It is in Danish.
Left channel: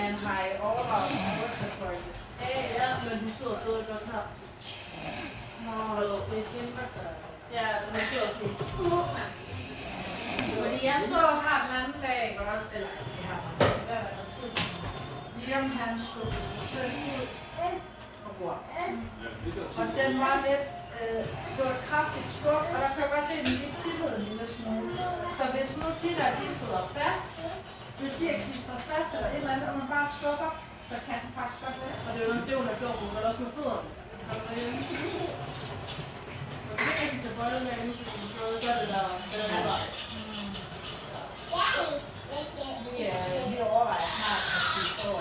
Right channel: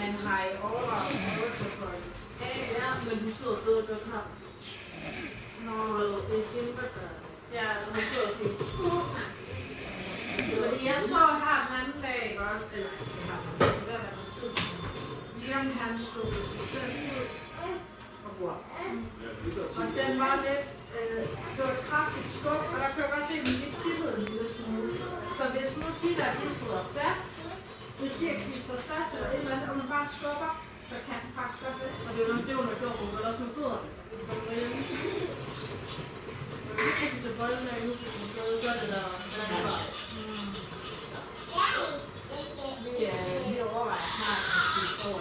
Man har i overvejet rygsækfolk. Ja, men du sidder stadig godt her. Nå, det er dem, der gør det. Ja, så han sidder sådan. Fordi jeg så her den anden dag, ikke også? Eller, det har været noget tid siden. Liam, han skubbede sig selv ud på bord. Og den var lidt, det var et kraftigt skub, og der kan jeg godt se, at den lige tippede en lille smule. Så hvis nu de der, de sidder fast, hvis de er klistret fast eller et eller andet, og man bare skubber, så kan den faktisk godt væk. Og det var nok det, hun har gjort, hun var også med fødderne. Men det er ikke til bolden af nu, fordi hun stadig gør det der. Vi overvejer snart, at vi får